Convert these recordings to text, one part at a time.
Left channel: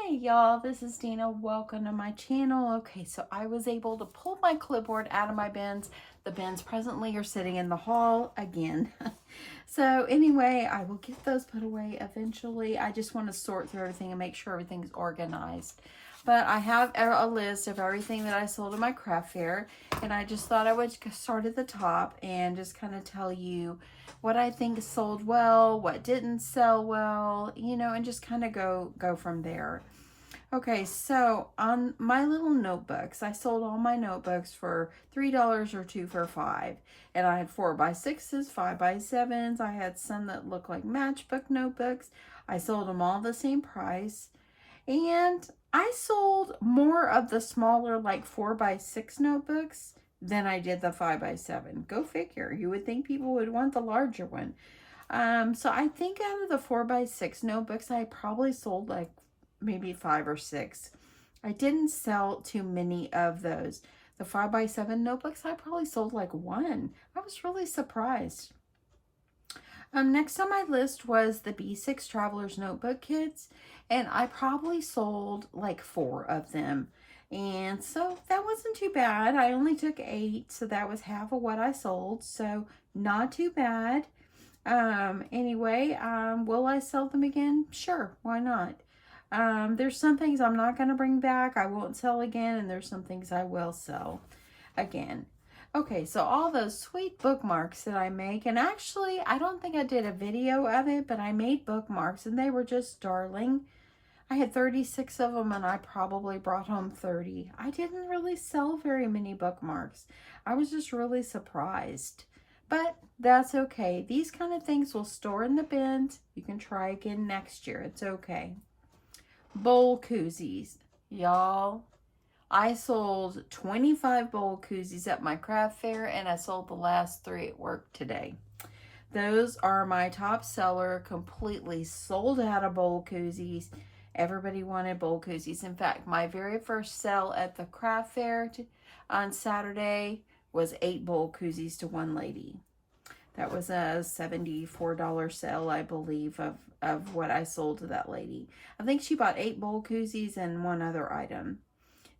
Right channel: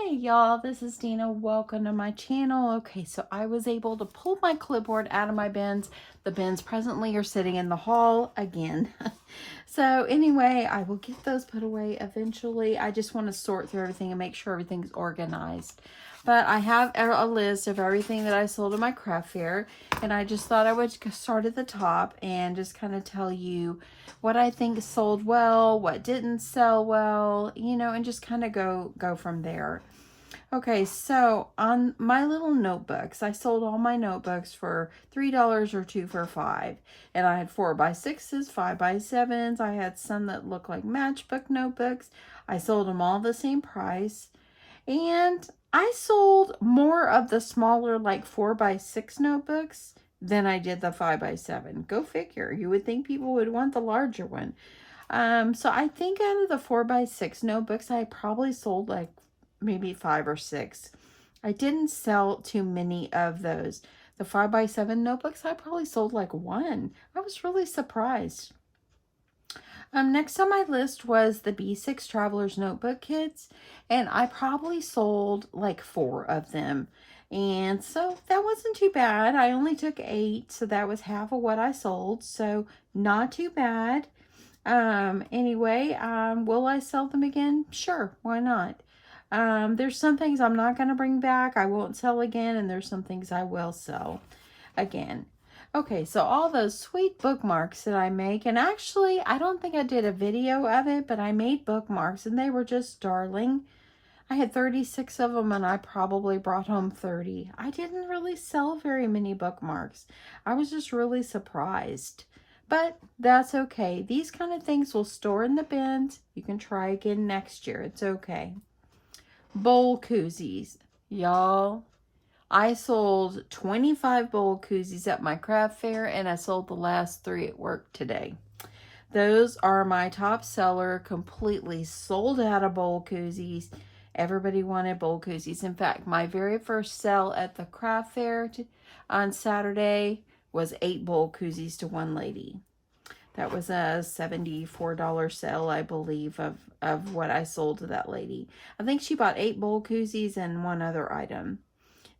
Hey y'all, this is Dina. Welcome to my channel. Okay, so I was able to pull my clipboard out of my bins. The bins presently are sitting in the hall again. So anyway, I will get those put away eventually. I just want to sort through everything and make sure everything's organized. But I have a list of everything that I sold at my craft fair, and I just thought I would start at the top and just kind of tell you what I think sold well, what didn't sell well, and just kind of go from there. Okay, so on my little notebooks, I sold all my notebooks for $3 or 2 for $5. And I had 4x6s, 5x7s. I had some that looked like matchbook notebooks. I sold them all the same price. And I sold more of the smaller, like 4x6 notebooks than I did the 5x7. Go figure. You would think people would want the larger one. So I think out of the 4x6 notebooks, I probably sold like maybe 5 or 6. I didn't sell too many of those. The 5x7 notebooks, I probably sold like 1. I was really surprised. Next on my list was the B6 Traveler's Notebook Kits, and I probably sold like 4 of them. And so that wasn't too bad. I only took 8, so that was half of what I sold, so not too bad. Anyway, will I sell them again? Sure, why not? There's some things I'm not going to bring back, I won't sell again, and there's some things I will sell again. Okay, so all those sweet bookmarks that I make, and actually, I don't think I did a video of it, but I made bookmarks, and they were just darling. I had 36 of them, and I probably brought home 30. I didn't really sell very many bookmarks. I was just really surprised. But that's okay. These kind of things will store in the bins. You can try again next year. It's okay. Bowl koozies. Y'all, I sold 25 bowl koozies at my craft fair, and I sold the last 3 at work today. Those are my top seller, completely sold out of bowl koozies. Everybody wanted bowl koozies. In fact, my very first sale at the craft fair on Saturday was 8 bowl koozies to one lady. That was a $74 sale, I believe, of what I sold to that lady. I think she bought 8 bowl koozies and 1 other item.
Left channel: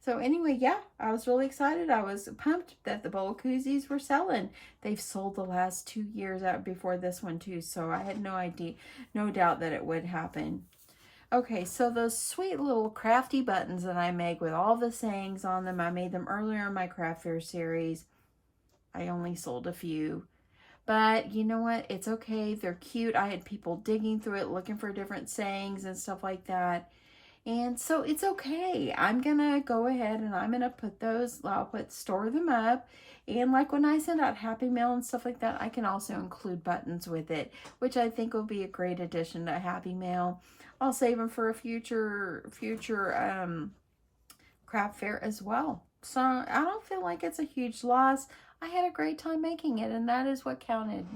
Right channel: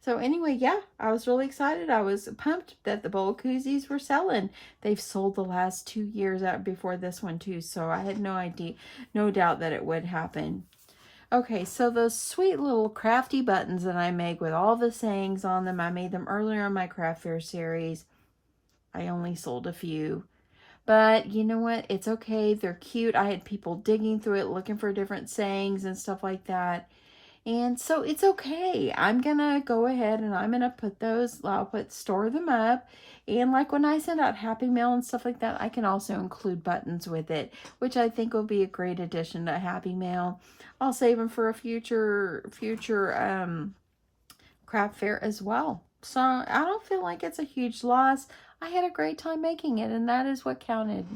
So anyway, yeah, I was really excited. I was pumped that the bowl koozies were selling. They've sold the last 2 years out before this one too, so I had no doubt that it would happen. Okay, so those sweet little crafty buttons that I make with all the sayings on them, I made them earlier in my craft fair series. I only sold a few. But you know what? It's okay. They're cute. I had people digging through it, looking for different sayings and stuff like that. And so it's okay. I'm going to go ahead and I'm going to put those, store them up. And like when I send out Happy Mail and stuff like that, I can also include buttons with it, which I think will be a great addition to Happy Mail. I'll save them for a future craft fair as well. So I don't feel like it's a huge loss. I had a great time making it, and that is what counted.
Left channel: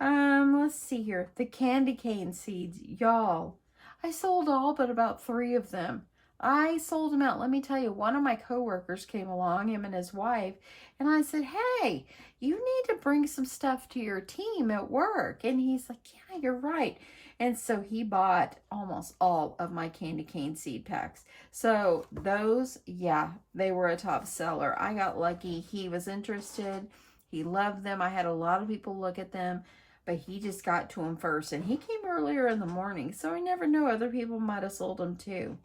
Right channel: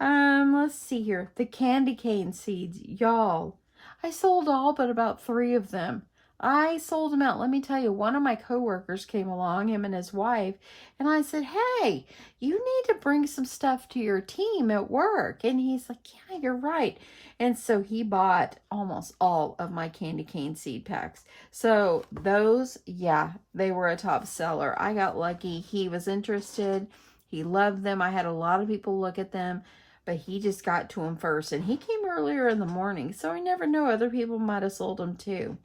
Let's see here. The candy cane seeds. Y'all, I sold all but about 3 of them. I sold them out. Let me tell you, one of my coworkers came along, him and his wife, and I said, hey, you need to bring some stuff to your team at work. And he's like, yeah, you're right. And so he bought almost all of my candy cane seed packs. So those, yeah, they were a top seller. I got lucky. He was interested. He loved them. I had a lot of people look at them, but he just got to them first. And he came earlier in the morning, so I never know. Other people might have sold them too.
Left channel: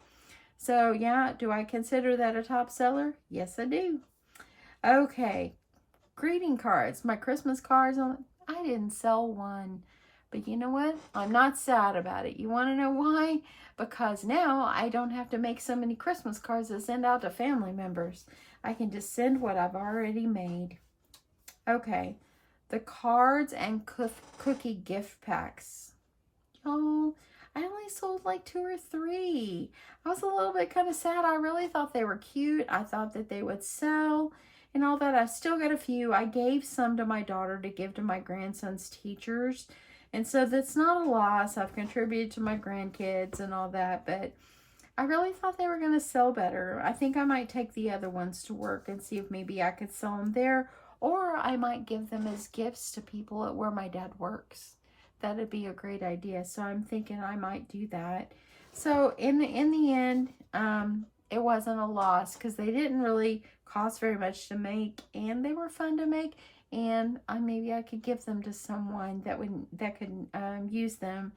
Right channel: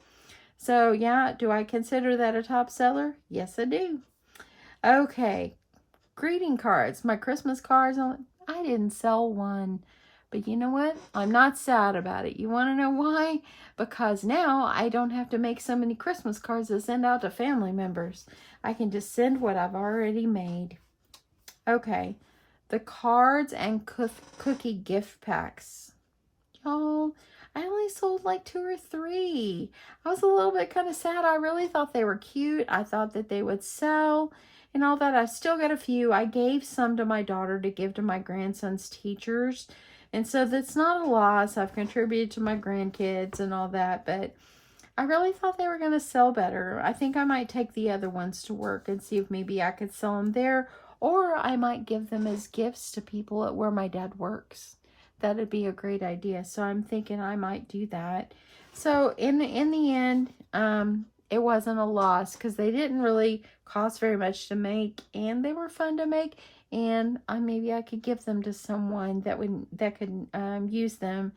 So yeah, do I consider that a top seller? Yes, I do. Okay, greeting cards. My Christmas cards, I didn't sell one. But you know what? I'm not sad about it. You want to know why? Because now I don't have to make so many Christmas cards to send out to family members. I can just send what I've already made. Okay, the cards and cookie gift packs. Y'all, I only sold like 2 or 3. I was a little bit kind of sad. I really thought they were cute. I thought that they would sell and all that. I still got a few. I gave some to my daughter to give to my grandson's teachers. And so that's not a loss. I've contributed to my grandkids and all that, but I really thought they were going to sell better. I think I might take the other ones to work and see if maybe I could sell them there, or I might give them as gifts to people at where my dad works. that'd be a great idea. So I'm thinking I might do that. So in the end, it wasn't a loss because they didn't really cost very much to make, and they were fun to make. And maybe I could give them to someone that could use them.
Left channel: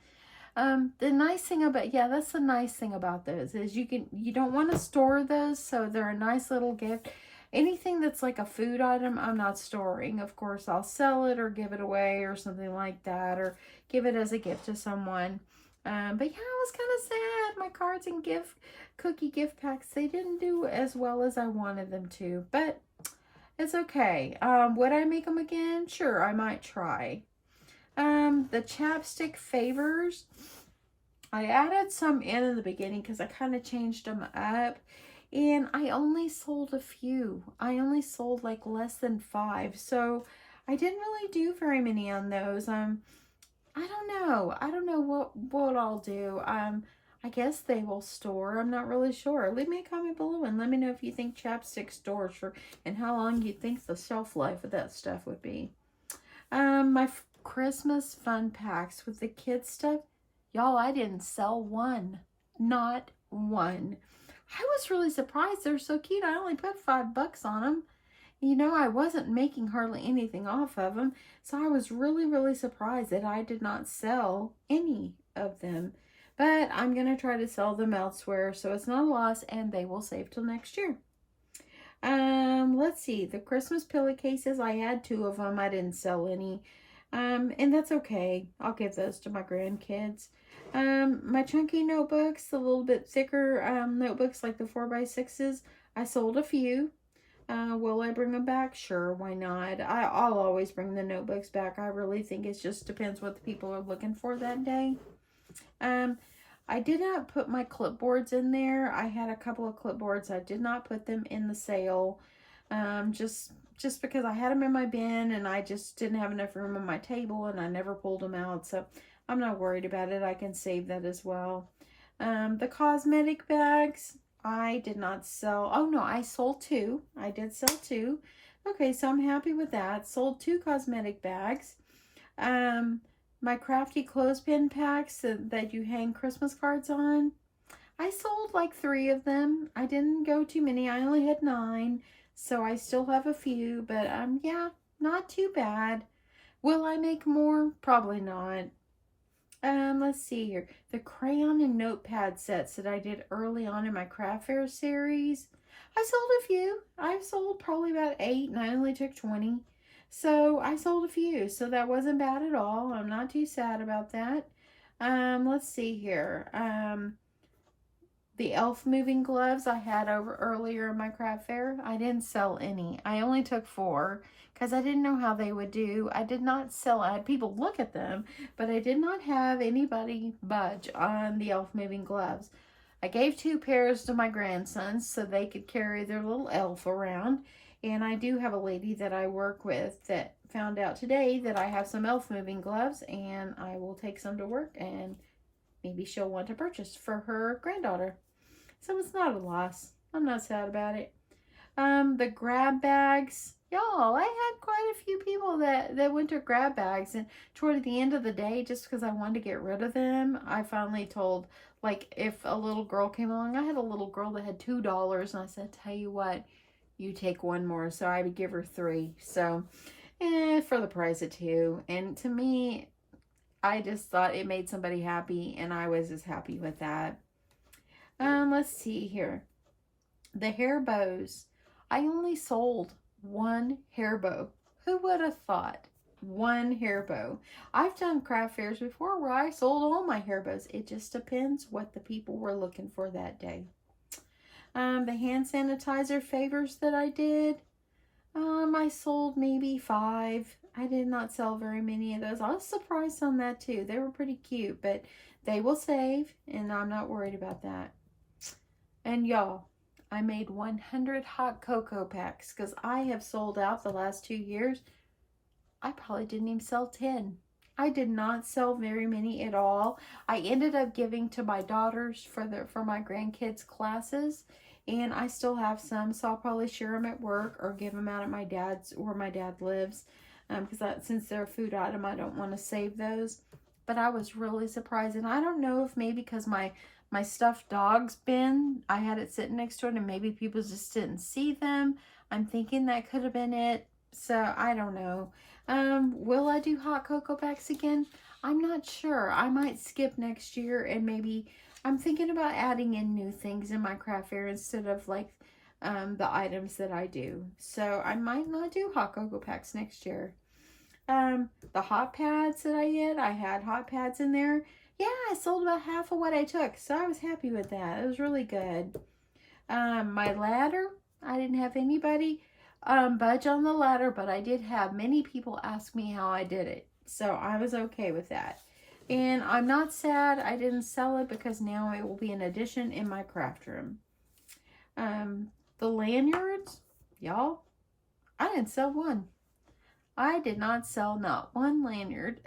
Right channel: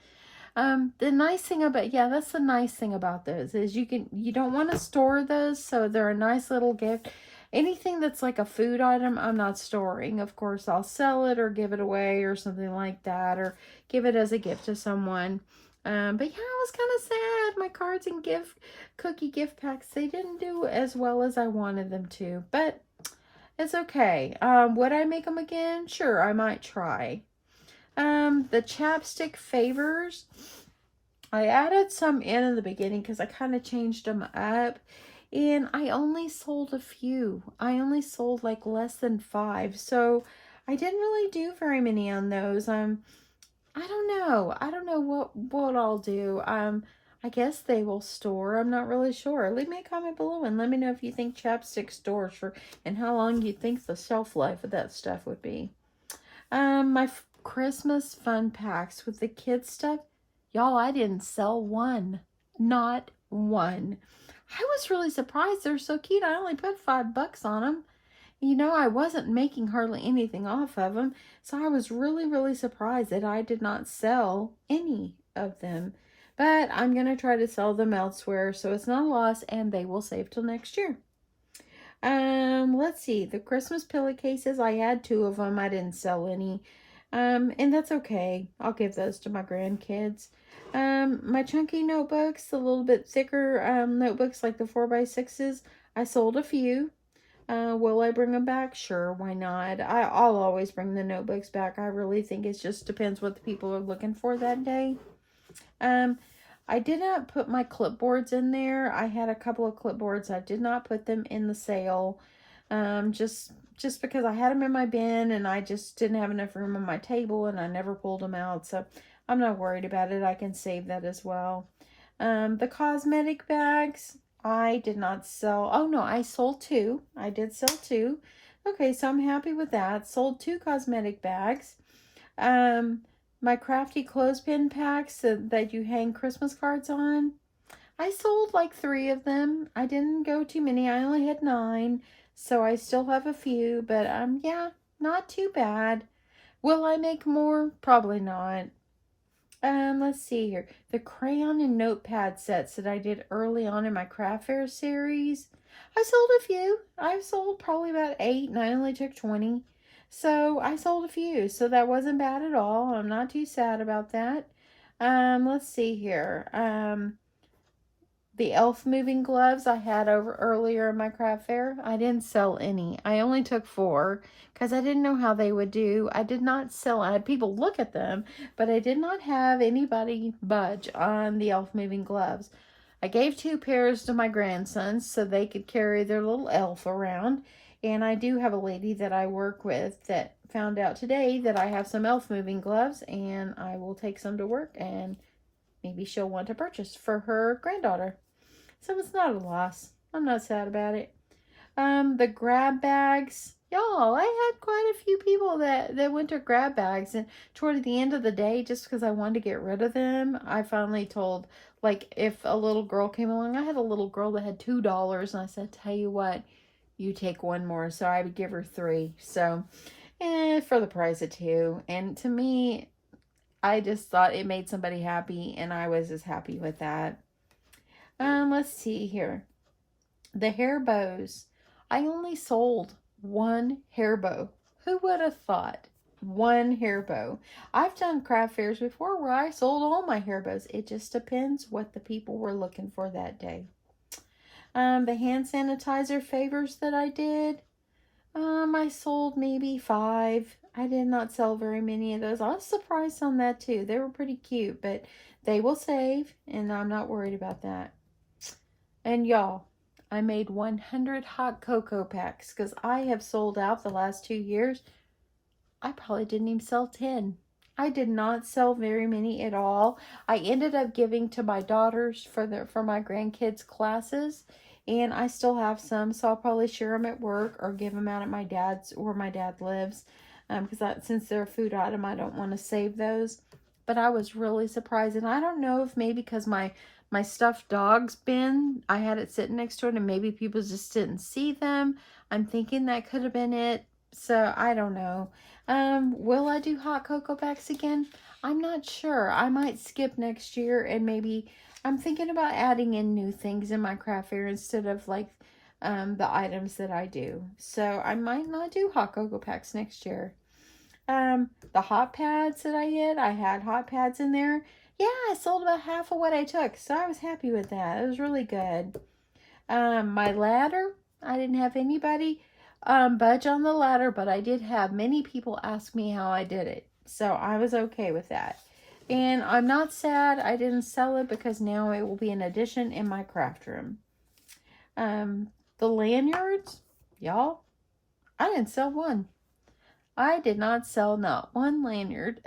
The nice thing about, yeah, that's the nice thing about those is you don't want to store those, so they're a nice little gift. Anything that's like a food item, I'm not storing. Of course, I'll sell it or give it away or something like that, or give it as a gift to someone. But yeah, I was kind of sad. My cards and cookie gift packs, they didn't do as well as I wanted them to, but it's okay. Would I make them again? Sure, I might try. The chapstick favors, I added some in the beginning because I kind of changed them up. And I only sold a few. I only sold like less than 5. So I didn't really do very many on those. I don't know. I don't know what I'll do. I guess they will store. I'm not really sure. Leave me a comment below and let me know if you think chapstick stores for, and how long you think the shelf life of that stuff would be. My Christmas fun packs with the kids stuff. Y'all, I didn't sell one. Not one. I was really surprised. They're so cute. I only put $5 on them. You know, I wasn't making hardly anything off of them. So I was really, really surprised that I did not sell any of them. But I'm going to try to sell them elsewhere. So it's not a loss and they will save till next year. Let's see. The Christmas pillowcases, I had 2 of them. I didn't sell any. And that's okay. I'll give those to my grandkids. My chunky notebooks, the little bit thicker notebooks like the 4x6s, I sold a few. Will I bring them back? Sure, why not? I'll always bring the notebooks back. I really think it just depends what the people are looking for that day. I did not put my clipboards in there. I had a couple of clipboards. I did not put them in the sale. Just because I had them in my bin and I just didn't have enough room on my table and I never pulled them out. So I'm not worried about it. I can save that as well. The cosmetic bags, I did not sell. Oh no, I sold 2. I did sell 2. Okay, so I'm happy with that. Sold 2 cosmetic bags. My Crafty clothespin packs that you hang Christmas cards on, I sold like 3 of them. I didn't go too many. I only had 9. So I still have a few, but yeah, not too bad. Will I make more? Probably not. Let's see here. The crayon and notepad sets that I did early on in my craft fair series, I sold a few. I've sold probably about 8 and I only took 20. So I sold a few. So that wasn't bad at all. I'm not too sad about that. Let's see here. The elf moving gloves I had over earlier in my craft fair, I didn't sell any. I only took 4 because I didn't know how they would do. I did not sell. I had people look at them, but I did not have anybody budge on the elf moving gloves. I gave 2 pairs to my grandsons so they could carry their little elf around. And I do have a lady that I work with that found out today that I have some elf moving gloves, and I will take some to work and maybe she'll want to purchase for her granddaughter. So it's not a loss. I'm not sad about it. The grab bags. Y'all, I had quite a few people that went to grab bags. And toward the end of the day, just because I wanted to get rid of them, I finally told, like, if a little girl came along, I had a little girl that had $2. And I said, tell you what, you take 1 more. So I would give her 3. So, for the price of 2. And to me, I just thought it made somebody happy, and I was just happy with that. Let's see here. The hair bows. I only sold 1 hair bow. Who would have thought? 1 hair bow. I've done craft fairs before where I sold all my hair bows. It just depends what the people were looking for that day. The hand sanitizer favors that I did. I sold maybe 5. I did not sell very many of those. I was surprised on that too. They were pretty cute, but they will save, and I'm not worried about that. And y'all, I made 100 hot cocoa packs because I have sold out the last 2 years. I probably didn't even sell 10. I did not sell very many at all. I ended up giving to my daughters for my grandkids' classes. And I still have some, so I'll probably share them at work or give them out at my dad's, where my dad lives. Because since they're a food item, I don't want to save those. but I was really surprised. And I don't know if maybe because my stuffed dog's bin, I had it sitting next to it and maybe people just didn't see them. I'm thinking that could have been it. So I don't know. Will I do hot cocoa packs again? I'm not sure. I might skip next year, and maybe I'm thinking about adding in new things in my craft fair instead of like the items that I do. So I might not do hot cocoa packs next year. The hot pads that I had hot pads in there. Yeah, I sold about half of what I took, so I was happy with that. It was really good. My ladder, I didn't have anybody budge on the ladder, but I did have many people ask me how I did it, so I was okay with that. And I'm not sad I didn't sell it, because now it will be an addition in my craft room. The lanyards, y'all, I didn't sell one. I did not sell not one lanyard.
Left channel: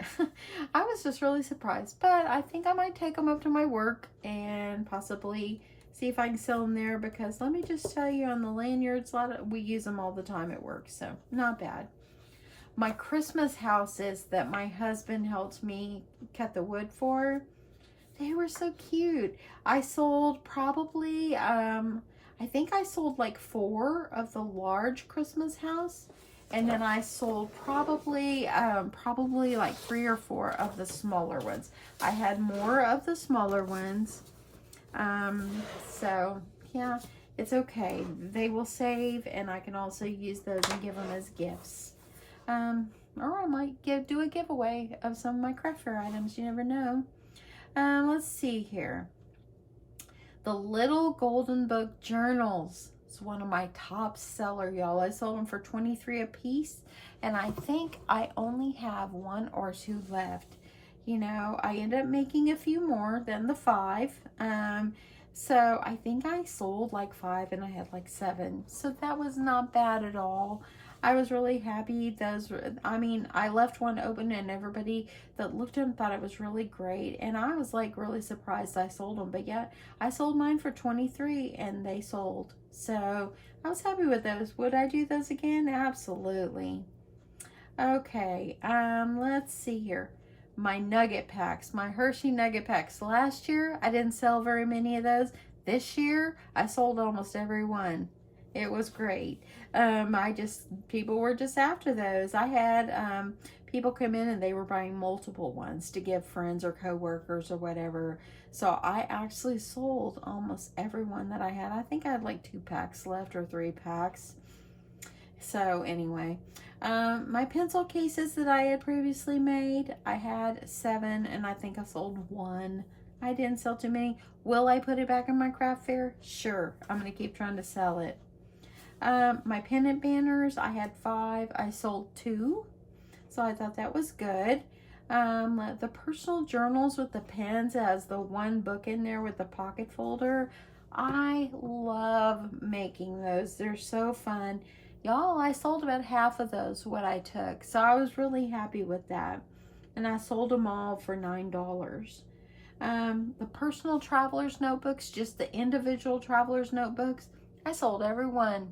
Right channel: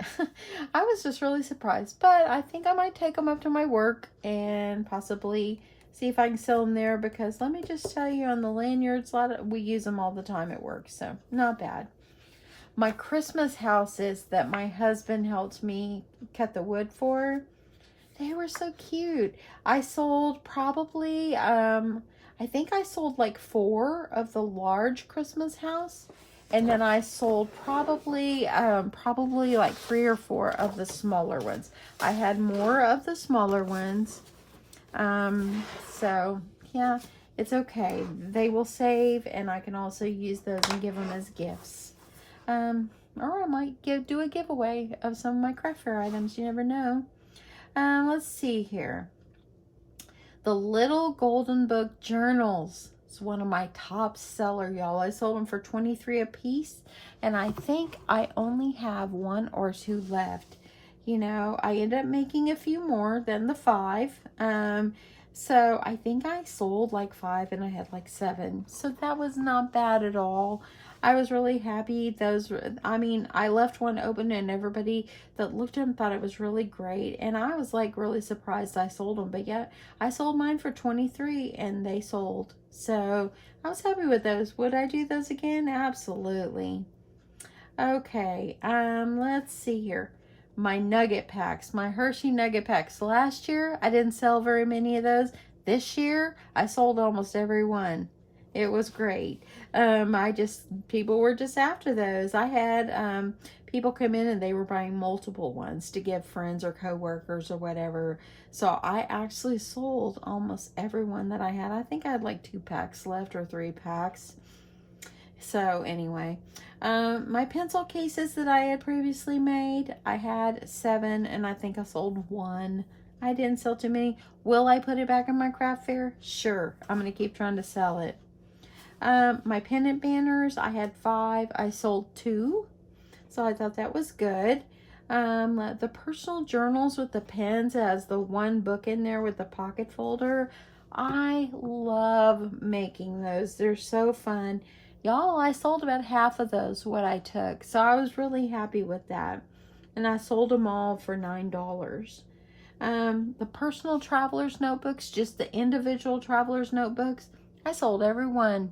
I was just really surprised, but I think I might take them up to my work and possibly see if I can sell them there, because let me just tell you, on the lanyards, we use them all the time at work, so not bad. My Christmas houses that my husband helped me cut the wood for, they were so cute. I sold probably, I think I sold like 4 of the large Christmas house. And then I sold probably like 3 or 4 of the smaller ones. I had more of the smaller ones. So yeah, it's okay. They will save, and I can also use those and give them as gifts. Or I might do a giveaway of some of my craft fair items. You never know. Let's see here. The Little Golden Book journals. It's one of my top seller, y'all. I sold them for $23 a piece, and I think I only have 1 or 2 left. You know, I ended up making a few more than the 5. So I think I sold like 5 and I had like 7. So that was not bad at all. I was really happy. Those, I mean, I left one open and everybody that looked at them thought it was really great. And I was like really surprised I sold them. But yeah, I sold mine for $23 and they sold. So I was happy with those. Would I do those again? Absolutely. Okay, let's see here. My nugget packs, my Hershey nugget packs. Last year, I didn't sell very many of those. This year, I sold almost every one. It was great. People were just after those. I had people come in and they were buying multiple ones to give friends or coworkers or whatever. So I actually sold almost every one that I had. I think I had like 2 packs left or 3 packs. So anyway, my pencil cases that I had previously made, I had 7 and I think I sold 1. I didn't sell too many. Will I put it back in my craft fair? Sure. I'm going to keep trying to sell it. My pendant banners, I had 5. I sold 2. So I thought that was good. The personal journals with the pens, as the 1 book in there with the pocket folder. I love making those. They're so fun. Y'all, I sold about half of those, what I took. So I was really happy with that. And I sold them all for $9. The personal traveler's notebooks, just the individual traveler's notebooks, I sold every one.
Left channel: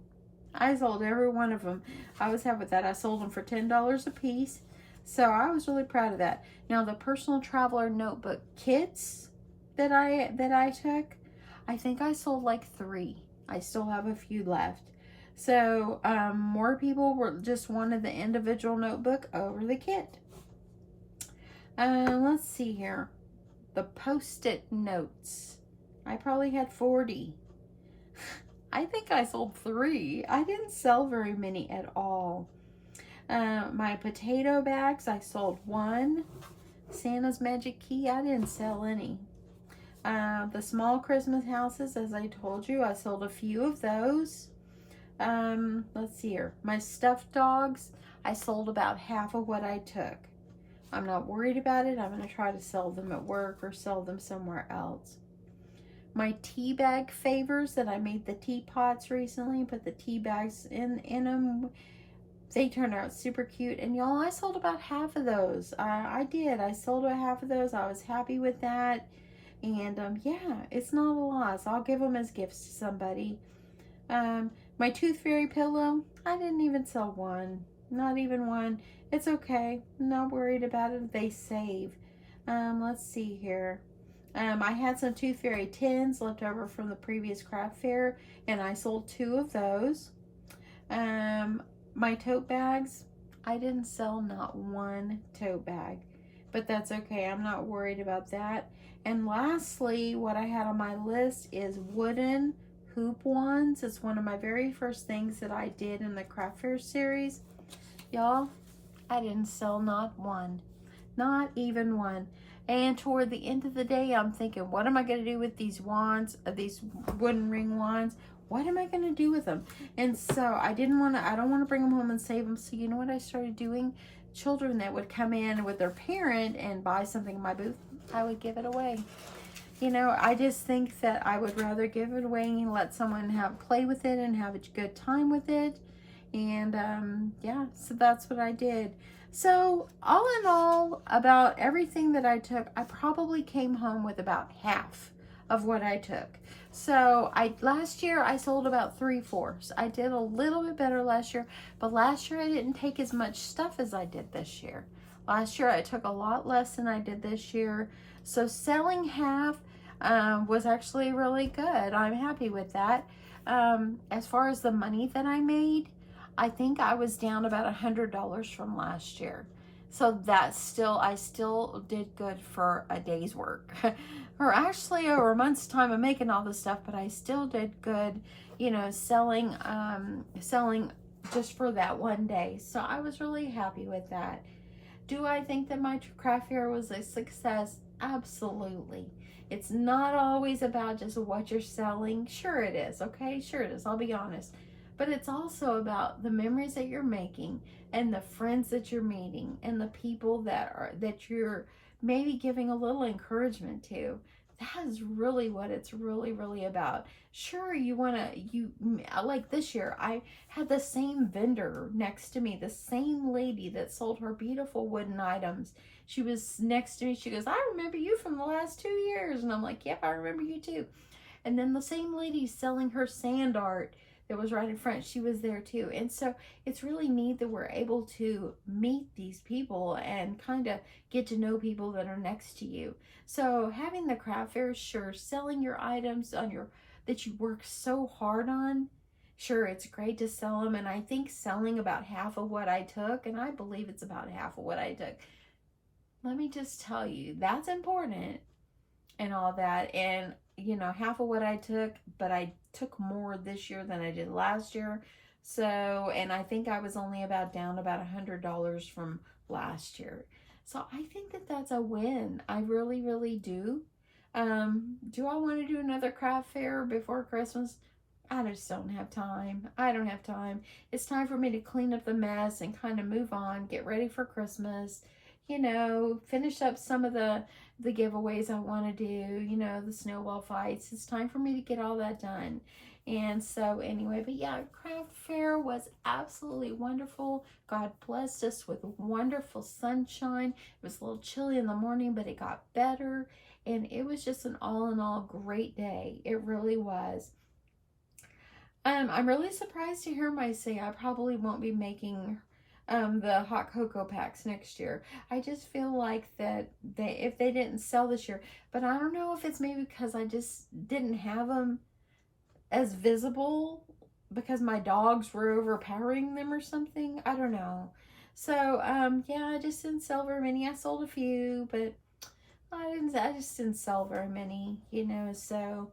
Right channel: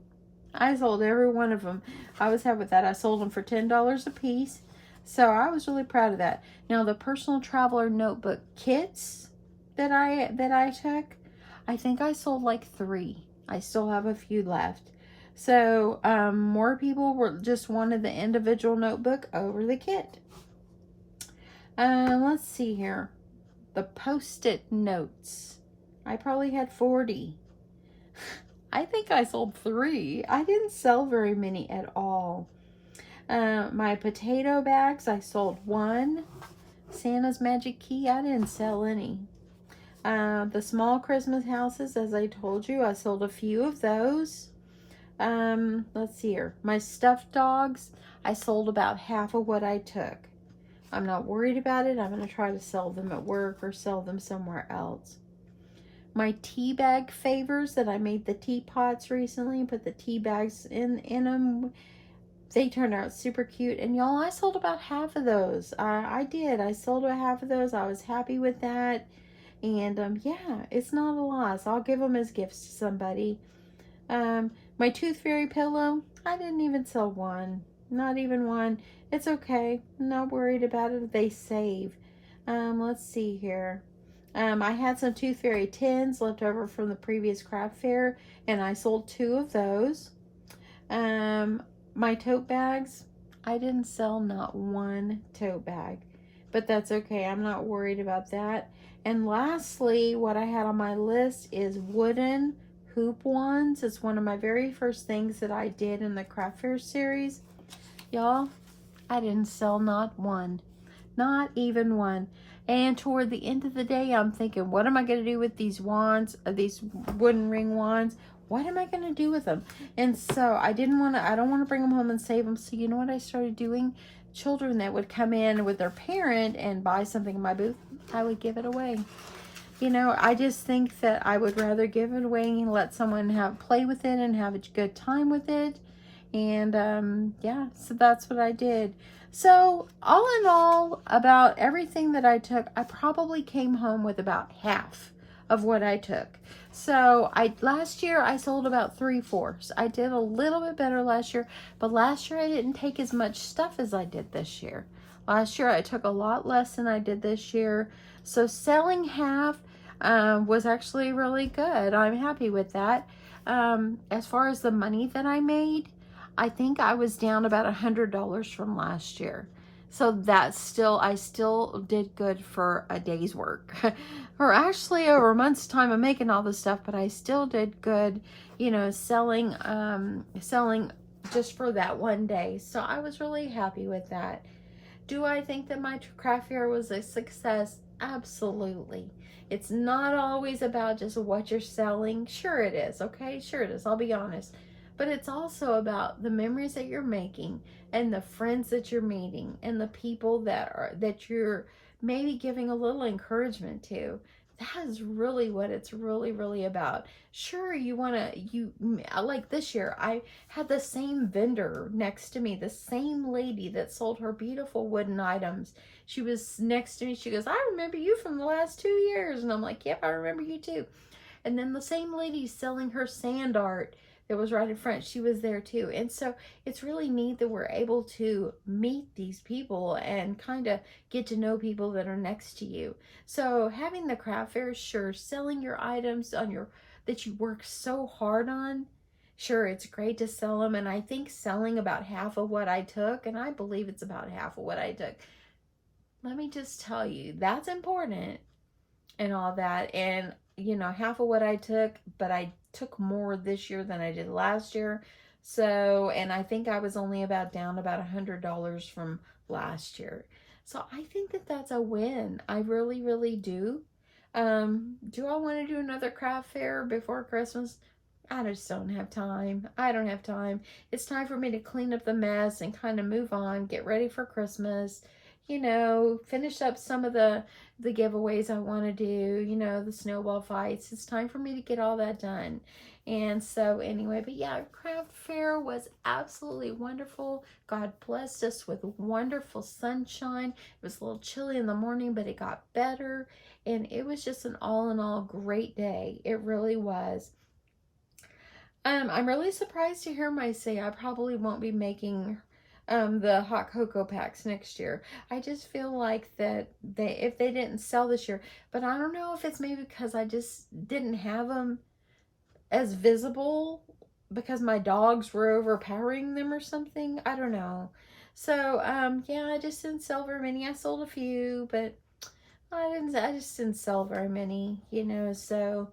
I sold every one of them. I was happy with that. I sold them for $10 a piece. So I was really proud of that. Now the personal traveler notebook kits that I took, I think I sold like 3. I still have a few left. So more people just wanted the individual notebook over the kit. Let's see here. The Post-it notes. I probably had 40. I think I sold 3. I didn't sell very many at all. My potato bags, I sold 1. Santa's Magic Key, I didn't sell any. The small Christmas houses, as I told you, I sold a few of those. Let's see here. My stuffed dogs, I sold about half of what I took. I'm not worried about it. I'm going to try to sell them at work or sell them somewhere else. My tea bag favors that I made the teapots recently, put the tea bags in them. They turned out super cute. And y'all, I sold about half of those. I did. I sold about half of those. I was happy with that. And yeah, it's not a loss. I'll give them as gifts to somebody. My Tooth Fairy pillow, I didn't even sell one. Not even one. It's okay. I'm not worried about it. They save. Let's see here. I had some Tooth Fairy tins left over from the previous craft fair, and I sold 2 of those. My tote bags, I didn't sell not one tote bag, but that's okay. I'm not worried about that. And lastly, what I had on my list is wooden hoop wands. It's one of my very first things that I did in the craft fair series. Y'all, I didn't sell not one, not even one. And toward the end of the day, I'm thinking, what am I going to do with these wands, these wooden ring wands? What am I going to do with them? And so I don't want to bring them home and save them. So you know what I started doing? Children that would come in with their parent and buy something in my booth, I would give it away. You know, I just think that I would rather give it away and let someone play with it and have a good time with it. And yeah, so that's what I did. So all in all, about everything that I took, I probably came home with about half of what I took. So last year I sold about 3/4. I did a little bit better last year, but last year I didn't take as much stuff as I did this year. Last year I took a lot less than I did this year. So selling half was actually really good. I'm happy with that. As far as the money that I made, I think I was down about $100 from last year. So I still did good for a day's work. Or actually over a month's time of making all this stuff, but I still did good, you know, selling just for that one day. So I was really happy with that. Do I think that my craft fair was a success? Absolutely. It's not always about just what you're selling. Sure it is, okay? Sure it is, I'll be honest. But it's also about the memories that you're making and the friends that you're meeting and the people that you're maybe giving a little encouragement to. That is really what it's really about. Sure, like this year, I had the same vendor next to me, the same lady that sold her beautiful wooden items. She was next to me. She goes, I remember you from the last 2 years. And I'm like, yep, I remember you too. And then the same lady selling her sand art that was right in front, she was there too. And so it's really neat that we're able to meet these people and kind of get to know people that are next to you. So having the craft fair, sure, selling your items that you work so hard on, sure, it's great to sell them. And I think selling about half of what I took, and I believe it's about half of what I took, let me just tell you, that's important and all that. And you know, half of what I took, but I took more this year than I did last year. So, and I think I was only down about $100 from last year. So I think that that's a win. I really do. Do I want to do another craft fair before Christmas? I just don't have time. I don't have time. It's time for me to clean up the mess and kind of move on, get ready for Christmas, you know, finish up some of the giveaways I want to do, you know, the snowball fights. It's time for me to get all that done. And so anyway, but yeah, craft fair was absolutely wonderful. God blessed us with wonderful sunshine. It was a little chilly in the morning, but it got better. And it was just an all in all great day. It really was. I'm really surprised to hear my say I probably won't be making the hot cocoa packs next year. I just feel like that if they didn't sell this year, but I don't know if it's maybe because I just didn't have them as visible because my dogs were overpowering them or something. I don't know. So yeah, I just didn't sell very many. I sold a few, but I just didn't sell very many, you know. So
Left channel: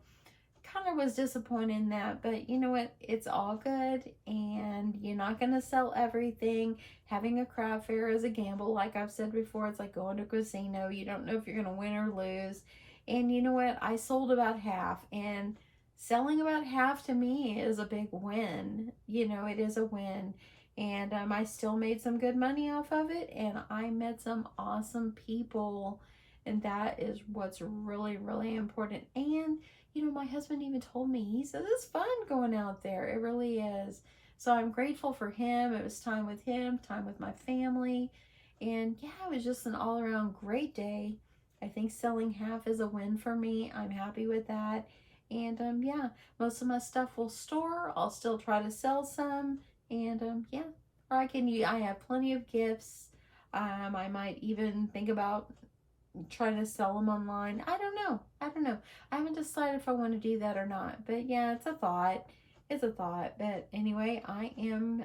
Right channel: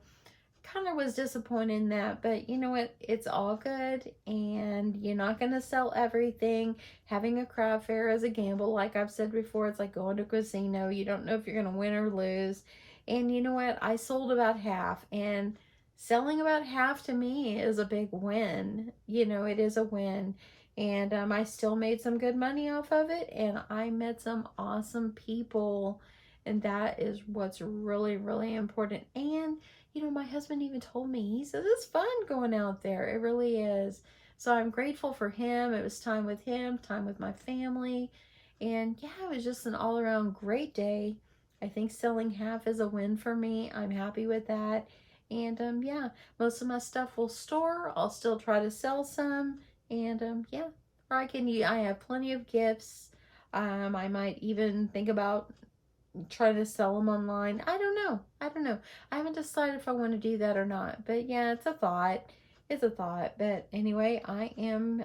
kind of was disappointed in that, but you know what, it's all good, and you're not going to sell everything. Having a craft fair is a gamble. Like I've said before, it's like going to a casino. You don't know if you're going to win or lose. And you know what, I sold about half, and selling about half to me is a big win. You know, it is a win. And I still made some good money off of it, and I met some awesome people, and that is what's really important. And you know, my husband even told me, he says, it's fun going out there. It really is. So I'm grateful for him. It was time with him, time with my family. And yeah, it was just an all around great day. I think selling half is a win for me. I'm happy with that. And yeah, most of my stuff will store. I'll still try to sell some. And yeah, or I have plenty of gifts. I might even think about try to sell them online. I don't know. I haven't decided if I want to do that or not. But yeah, it's a thought. It's a thought. But anyway, I am,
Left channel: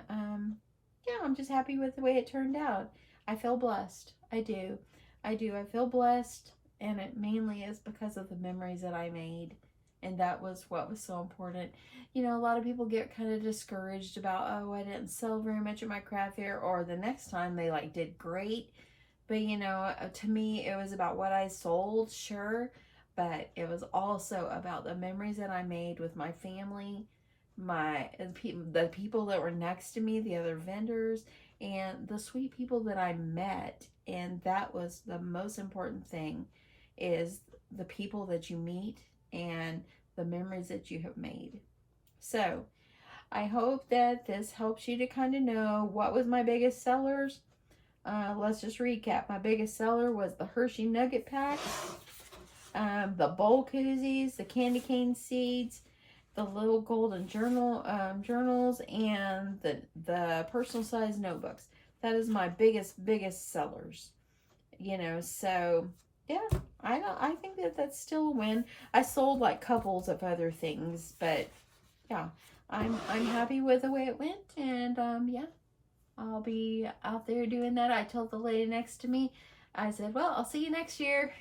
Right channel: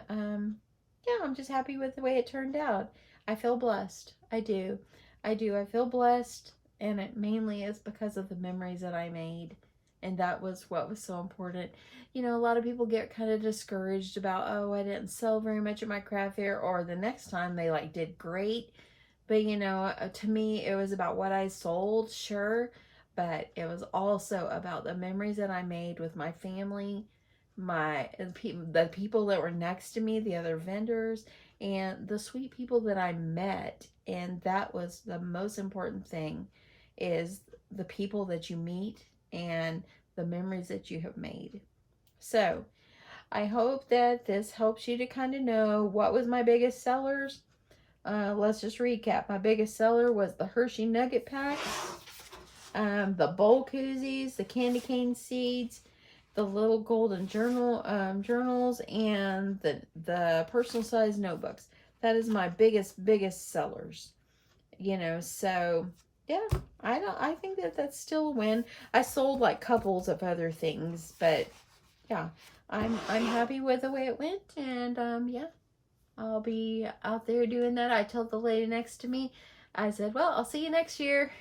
yeah, I'm just happy with the way it turned out. I feel blessed. I do. I do. I feel blessed. And it mainly is because of the memories that I made. And that was what was so important. You know, a lot of people get kind of discouraged about, oh, I didn't sell very much at my craft fair, or the next time they like did great. But you know, to me, it was about what I sold, sure, but it was also about the memories that I made with my family, the people that were next to me, the other vendors, and the sweet people that I met. And that was the most important thing, is the people that you meet and the memories that you have made. So I hope that this helps you to kind of know what was my biggest sellers. Let's just recap. My biggest seller was the Hershey nugget pack, the bowl koozies, the candy cane seeds, the little golden journals, and the personal size notebooks. That is my biggest sellers. You know, so yeah, I think that that's still a win. I sold like couples of other things, but yeah, I'm happy with the way it went, and yeah, I'll be out there doing that. I told the lady next to me, I said, well, I'll see you next year.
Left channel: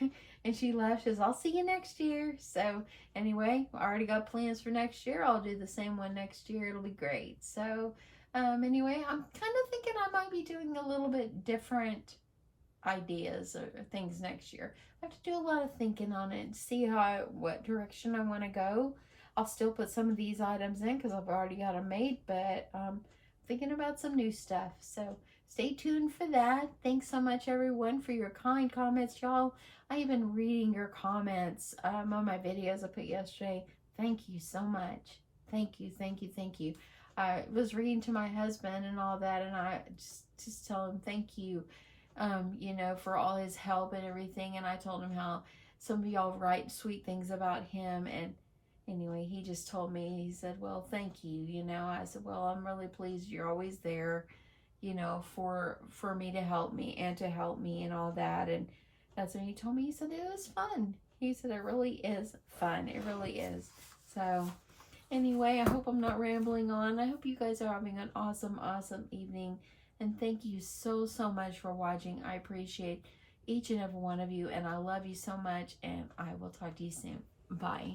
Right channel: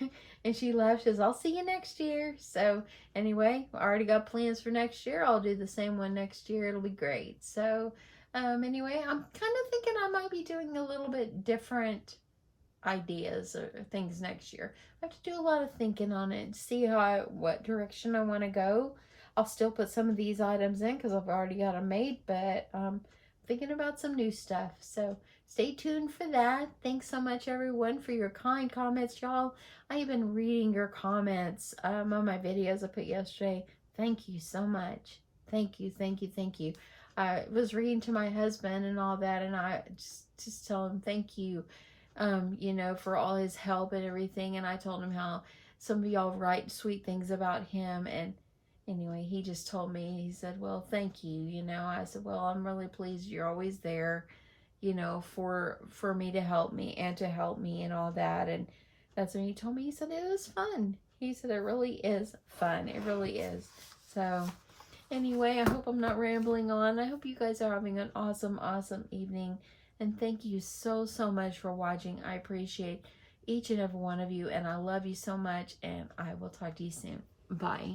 And she laughed. She says, I'll see you next year. So anyway, I already got plans for next year. I'll do the same one next year. It'll be great. So anyway, I'm kind of thinking I might be doing a little bit different ideas or things next year. I have to do a lot of thinking on it and see what direction I want to go. I'll still put some of these items in because I've already got them made, but thinking about some new stuff. So stay tuned for that. Thanks so much, everyone, for your kind comments, y'all. I have been reading your comments on my videos I put yesterday. Thank you so much. Thank you. I was reading to my husband and all that, and I just tell him thank you, you know, for all his help and everything. And I told him how some of y'all write sweet things about him, and anyway, he just told me, he said, well, thank you, you know. I said, well, I'm really pleased you're always there, you know, for me to help me and all that. And that's when he told me, he said, it was fun. He said, it really is fun. It really is. So anyway, I hope I'm not rambling on. I hope you guys are having an awesome evening. And thank you so much for watching. I appreciate each and every one of you, and I love you so much, and I will talk to you soon. Bye.